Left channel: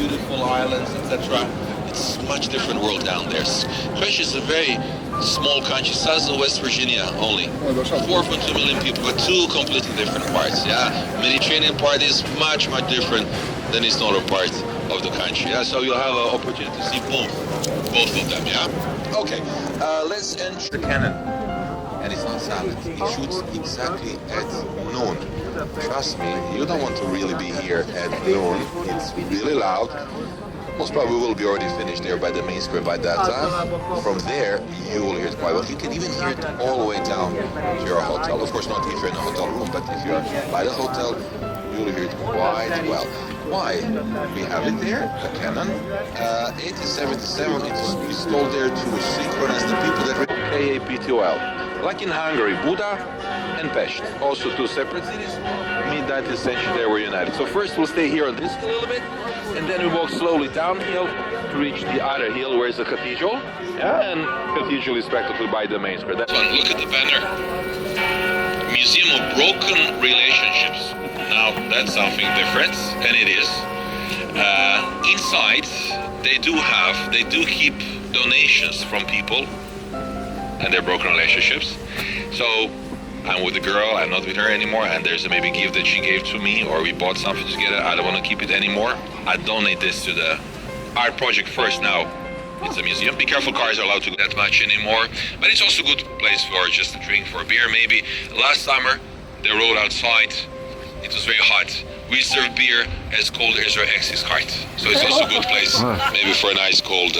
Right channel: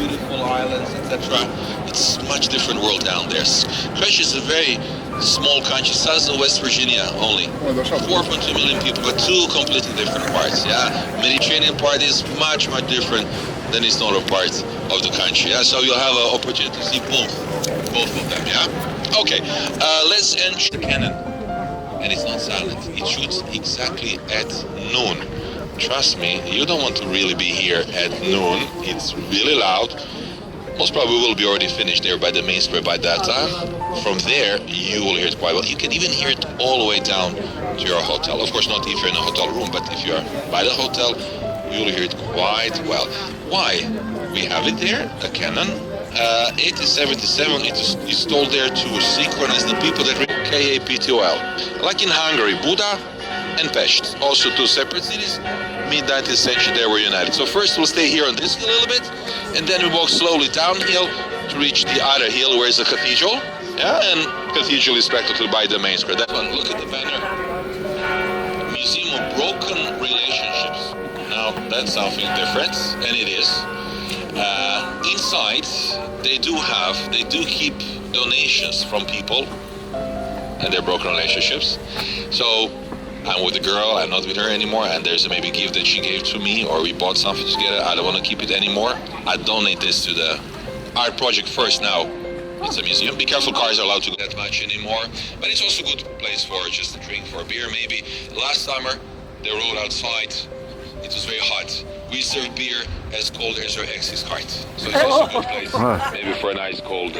beautiful islands, etc. It's a much different world down there. Croatia is a very small country, size of West Virginia only. 4.2 million people, but two completely different parts. Yeah, Mediterranean part is much different than its northern part of the country. Yeah, so you'll have an opportunity to see both of them. Yeah. Okay, let's enter the cannon. And it's not silent. It shoots exactly at noon. Trust me, you don't want to really be here at noon. It's really loud. Most probably will be already finished there by the main square by that time. From there, you will hear it quite well. You can even hear it all the way down to your hotel. Of course, not if you're in a hotel room, but if you're by the hotel, you will hear it quite well. Why? We have it there, a cannon. 1877, it is installed there to synchronize the people that read KAPTOL. Like in Hungary, Buda and Pest, also two separate cities. Mid-19th century, they were united. So first we'll stay here on this hill a little bit, and then we walk slowly downhill to reach the other hill where is the cathedral. Yeah, and cathedral is practically by the main square. That one, look at the banner. Museum of Broken Relationships. Now that's something different, and it is. Inside, they do keep donations from people and their broken relationships. So I'm with a girl, I'm not with her anymore, and there's a maybe gift that she gave to me, or we bought something together, I don't want to keep it anymore. I donate this to the art project first. Now it's a museum. Be careful, cars are allowed to go that much anymore, but it's also a good place for just a drink, for a beer maybe. Last summer, the road outside, it was very hot. We serve beer as cold as our ex's cart, so it's also a good place, maybe for a nice cold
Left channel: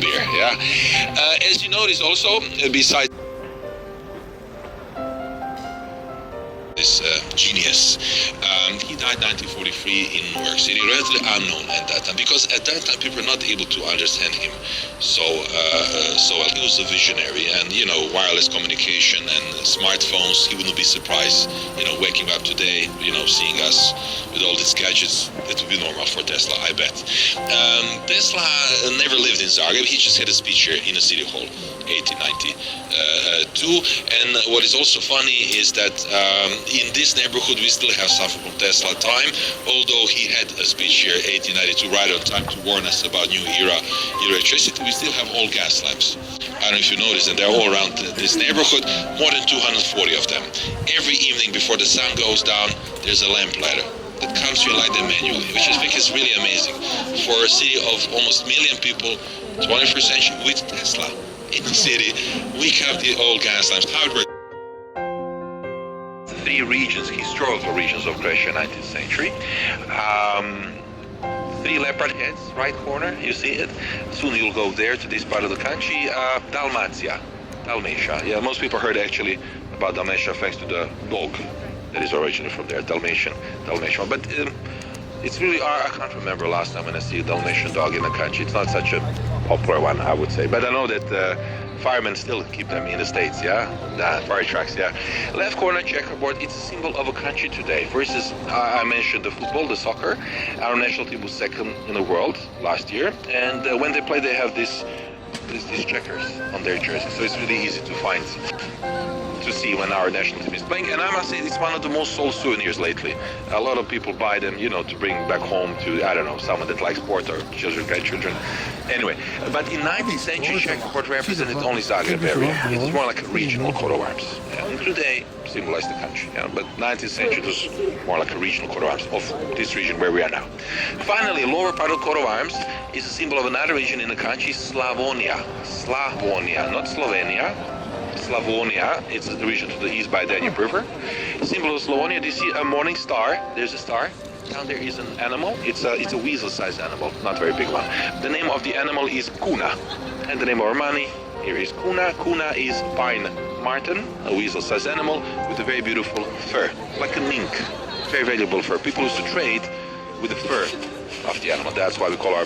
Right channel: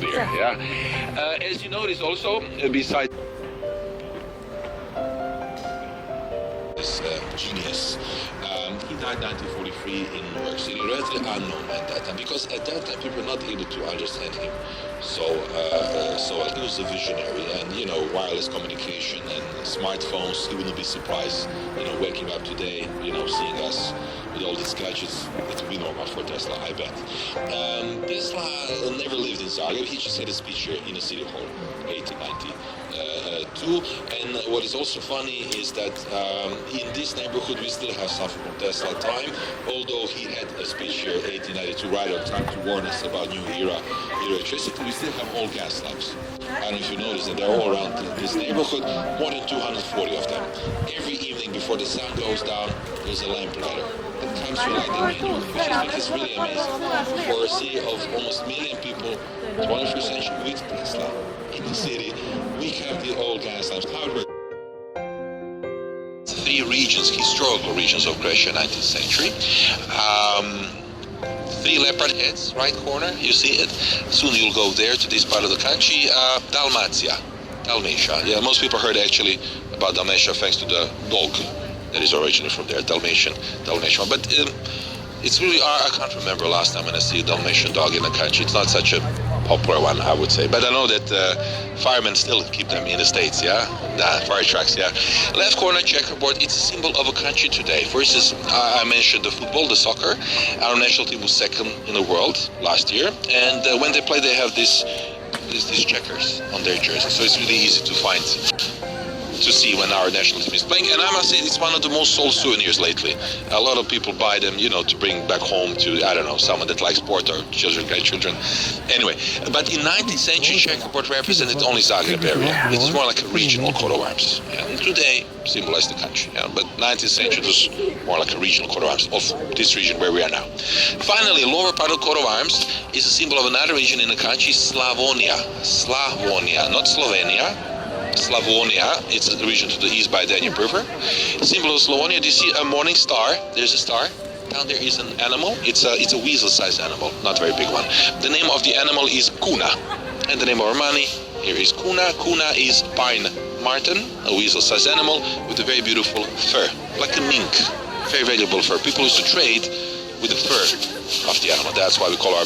beer. Yeah. As you notice, also besides this genius, he died 1943 in New York City, relatively unknown at that time, because at that time people were not able to understand him so well. He was a visionary, and wireless communication and smartphones. He wouldn't be surprised, waking up today, seeing us with all these gadgets. That would be normal for Tesla, I bet. Tesla never lived in Zagreb. He just had a speech here in a city hall, 1892. And what is also funny is that in this neighborhood we still have something from Tesla time, although he had a speech here 1892 right on time to warn us about new era electricity. We still have all gas lamps. I don't know if you noticed that they're all around this neighborhood, more than 240 of them. Every evening before the sun goes down, there's a lamplighter that comes to you like the manually, which I think is really amazing for a city of almost a million people, 21st century, with Tesla in the city. We have the old gas lamps. How it works? Three regions, historical regions of Croatia, 19th century. Three leopard heads, right corner, you see it. Soon you'll go there to this part of the country. Dalmatia. Yeah, most people heard actually about Dalmatia thanks to the dog that is originally from there, Dalmatian. But it's really, I can't remember last time when I see a Dalmatian dog in the country. It's not such a popular one, I would say. But I know that firemen still keep them in the States, yeah? Fire trucks, yeah. Left corner checkerboard, it's a symbol of a country today. For instance, I mentioned the football, the soccer. Our national team was second in the world last year. And when they play, they have these checkers on their jersey. So it's really easy to find, to see when our national team is playing. And I must say, it's one of the most sold souvenirs lately. A lot of people buy them, to bring back home to, I don't know, someone that likes sport or children, grandchildren. Anyway, but in 19th century, checkerboard represented only Zagreb area. It's more like a regional coat of arms. And today, symbolized the country. But 19th century was more like a regional coat of arms of this region where we are now. Finally, lower part of coat of arms is a symbol of another region in the country, Slavonia, not Slovenia. Slavonia, it's a region to the east by Danube River. Symbol of Slavonia, do you see a morning star? There's a star. Down there is an animal. It's a weasel-sized animal, not a very big one. The name of the animal is Kuna. And the name of our money here is Kuna. Kuna is pine marten, a weasel-sized animal with a very beautiful fur, like a mink. Very valuable fur. People used to trade with the fur of the animal. That's why we call our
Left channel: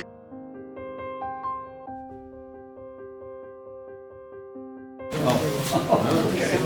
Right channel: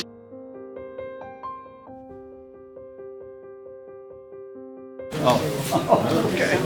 okay.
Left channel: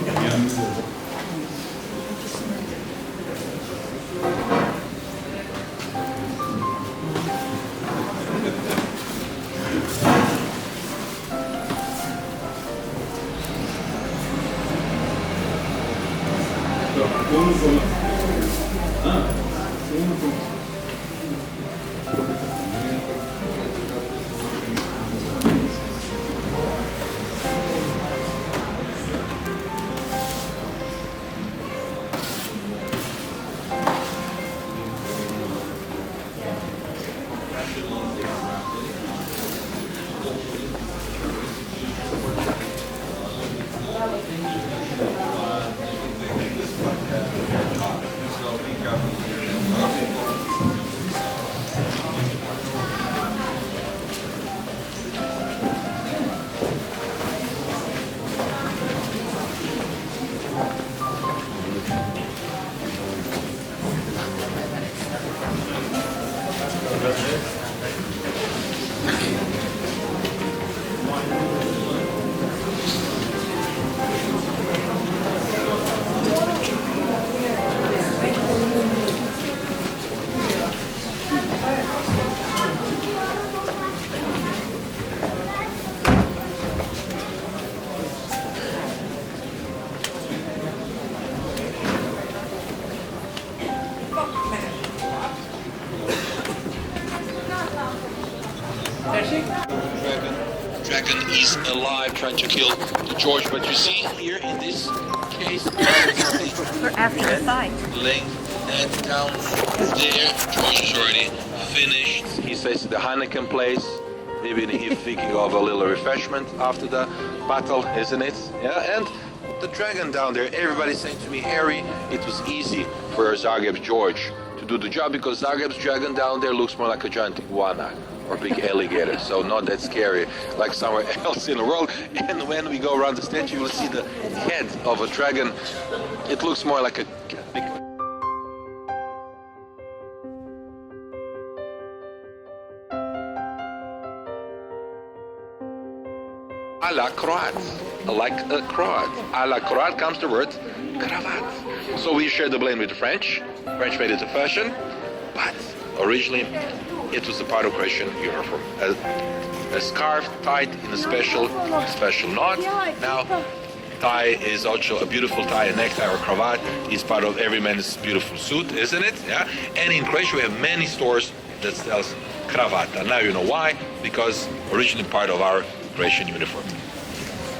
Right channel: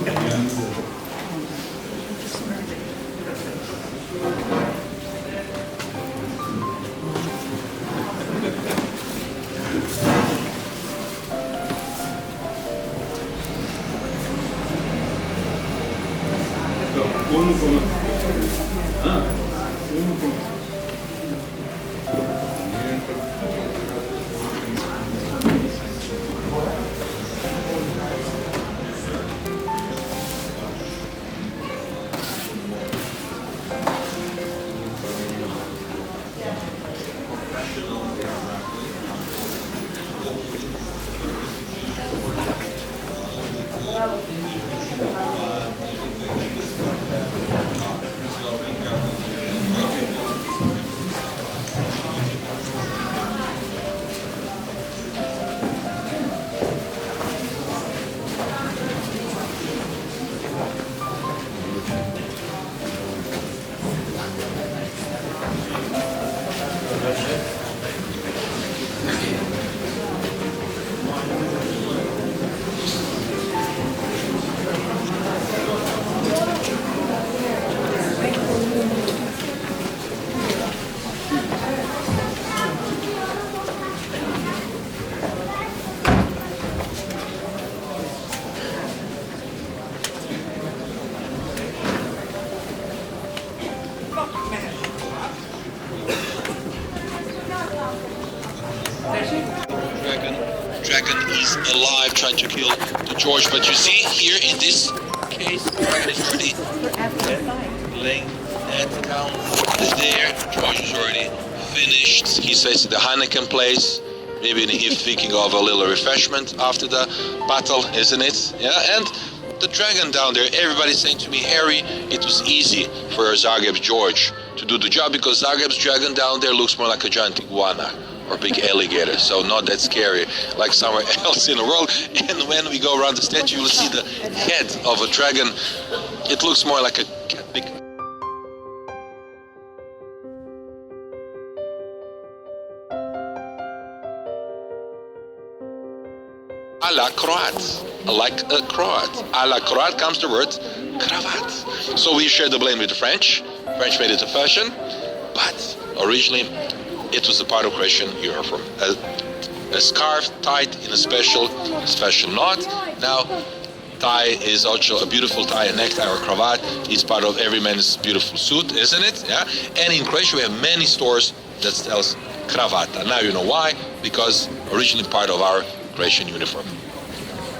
Dragon is alive, trying to kill the George, but you see here in this case, he's already laying that down there. George is already finished. He's facing the Heineken place. Maybe he's thinking of a little refreshment after the battle, isn't it? Yeah, and the dragon down there, everybody's saying to me, Harry, it was easy for Zagreb's George to do the job because Zagreb's dragon down there looks more like a giant iguana or big alligator, so not that scary like somewhere else in the world. And when we go around the statue, you will see the head of a dragon. It looks more like a big... A la Croat, like a Croat. A la Croat comes the word cravat. So we share the blame with the French. French made it a fashion, but originally it was a part of Croatian uniform. A scarf tied in a special knot. Now, tie is also a beautiful tie, a necktie or cravat is part of every man's beautiful suit, isn't it? Yeah. And in Croatia we have many stores that sells cravata. Now you know why? Because originally part of our Croatian uniform.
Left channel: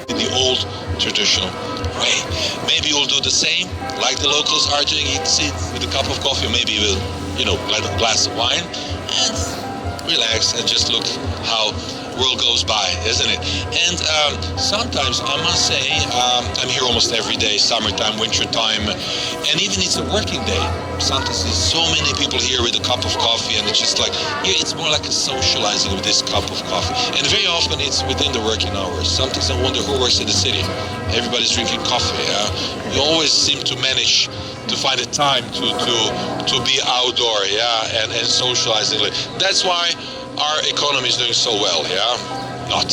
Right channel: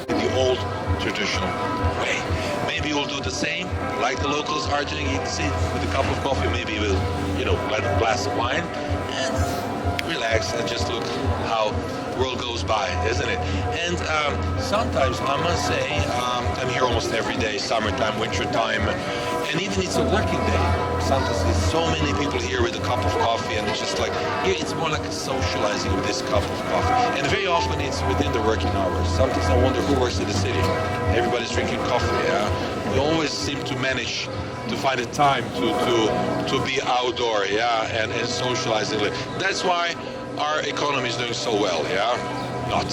In the old traditional way. Maybe we'll do the same, like the locals are doing it, sit with a cup of coffee, maybe we'll, blend a glass of wine and relax and just look how world goes by, isn't it? And sometimes I must say, I'm here almost every day, summertime, wintertime, and even it's a working day. Sometimes there's so many people here with a cup of coffee, and it's just like, here it's more like a socializing with this cup of coffee. And very often it's within the working hours. Sometimes I wonder who works in the city. Everybody's drinking coffee. We always seem to manage to find a time to be outdoor, and socialize. That's why our economy is doing so well, Not.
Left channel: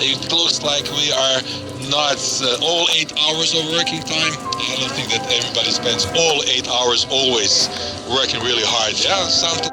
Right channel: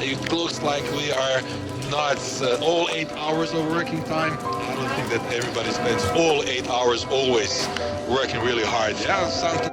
It looks like we are not all 8 hours of working time. I don't think that everybody spends all 8 hours always working really hard. Something.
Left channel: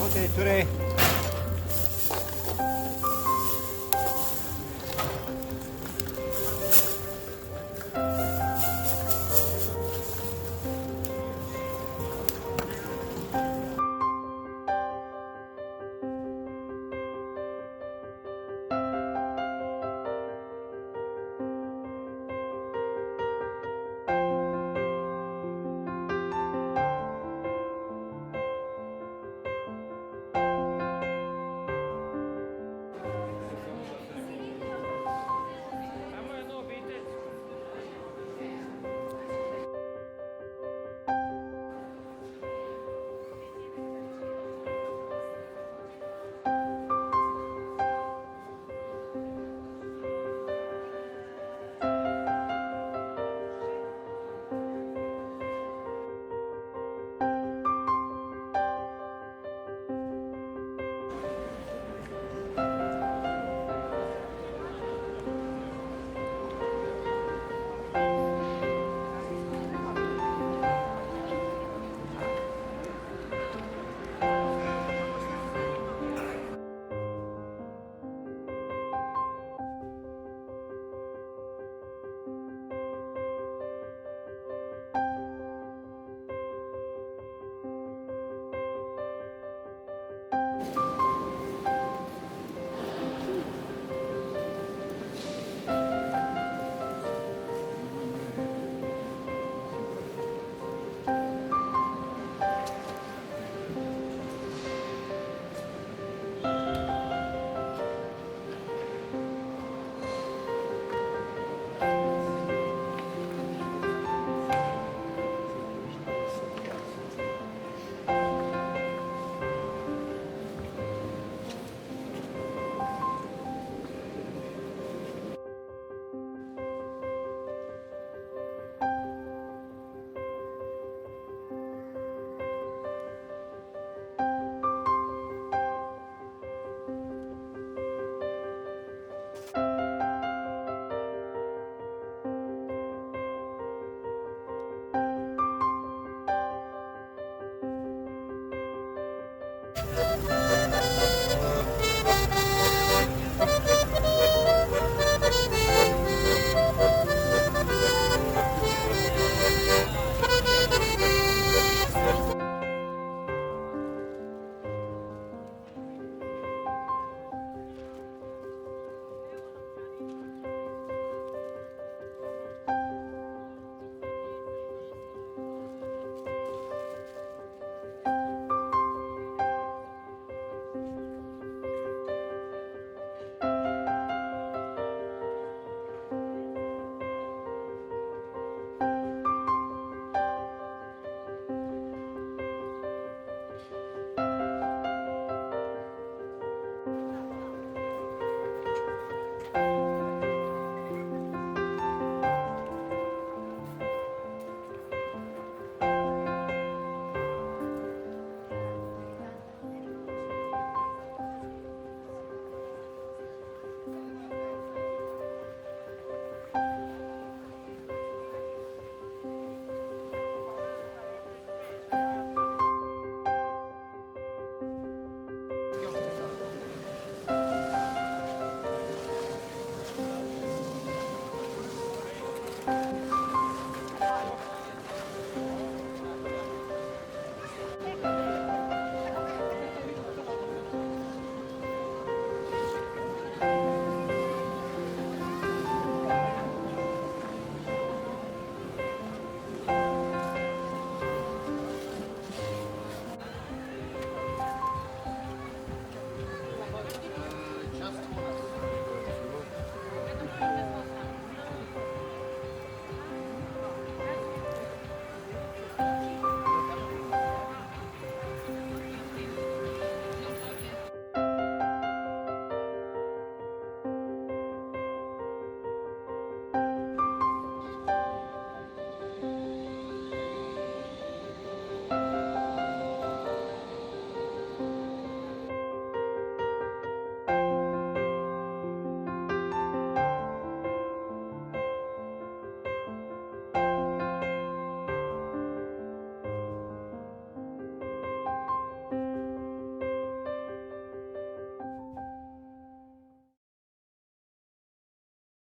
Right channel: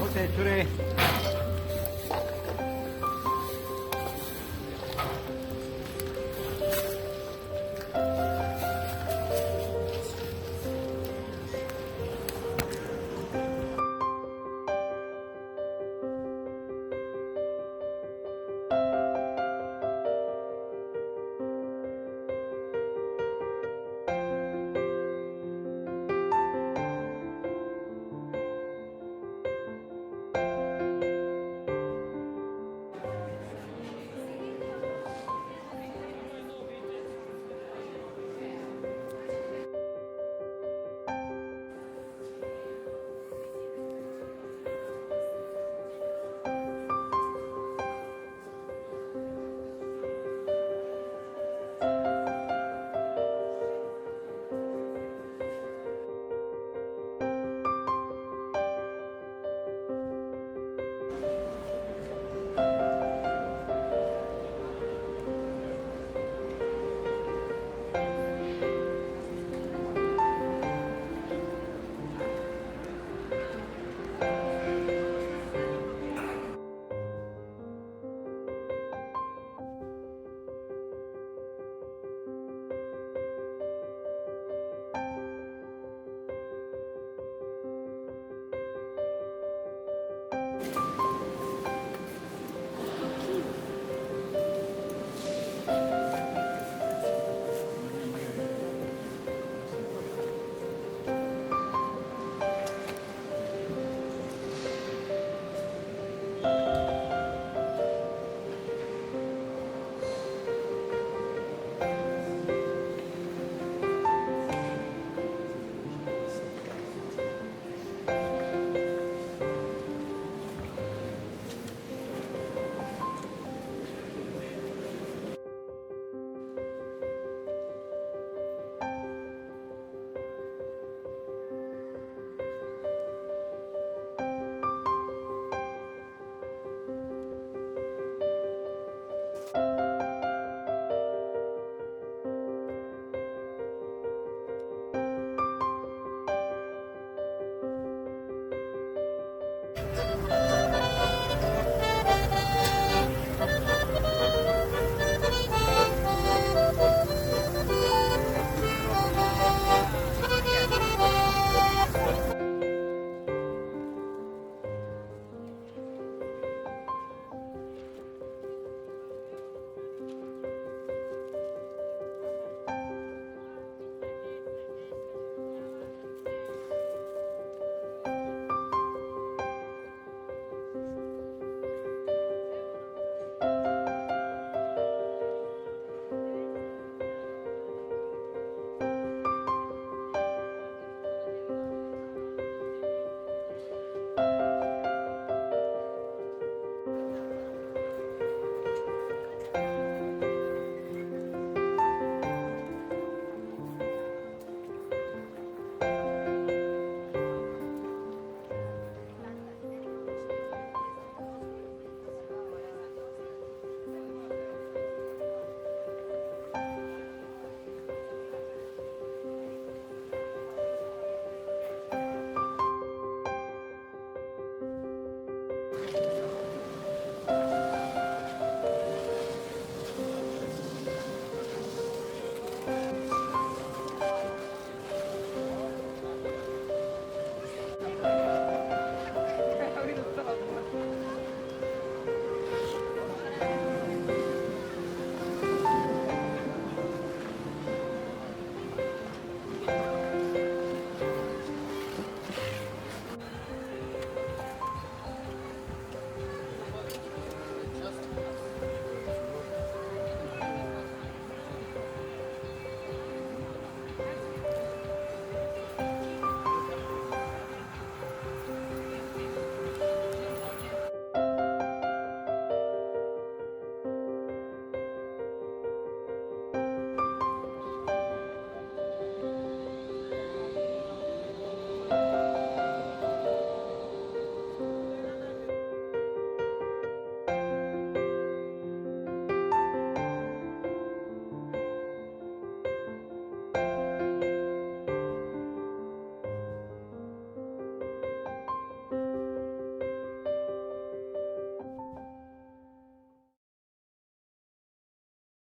Okay, today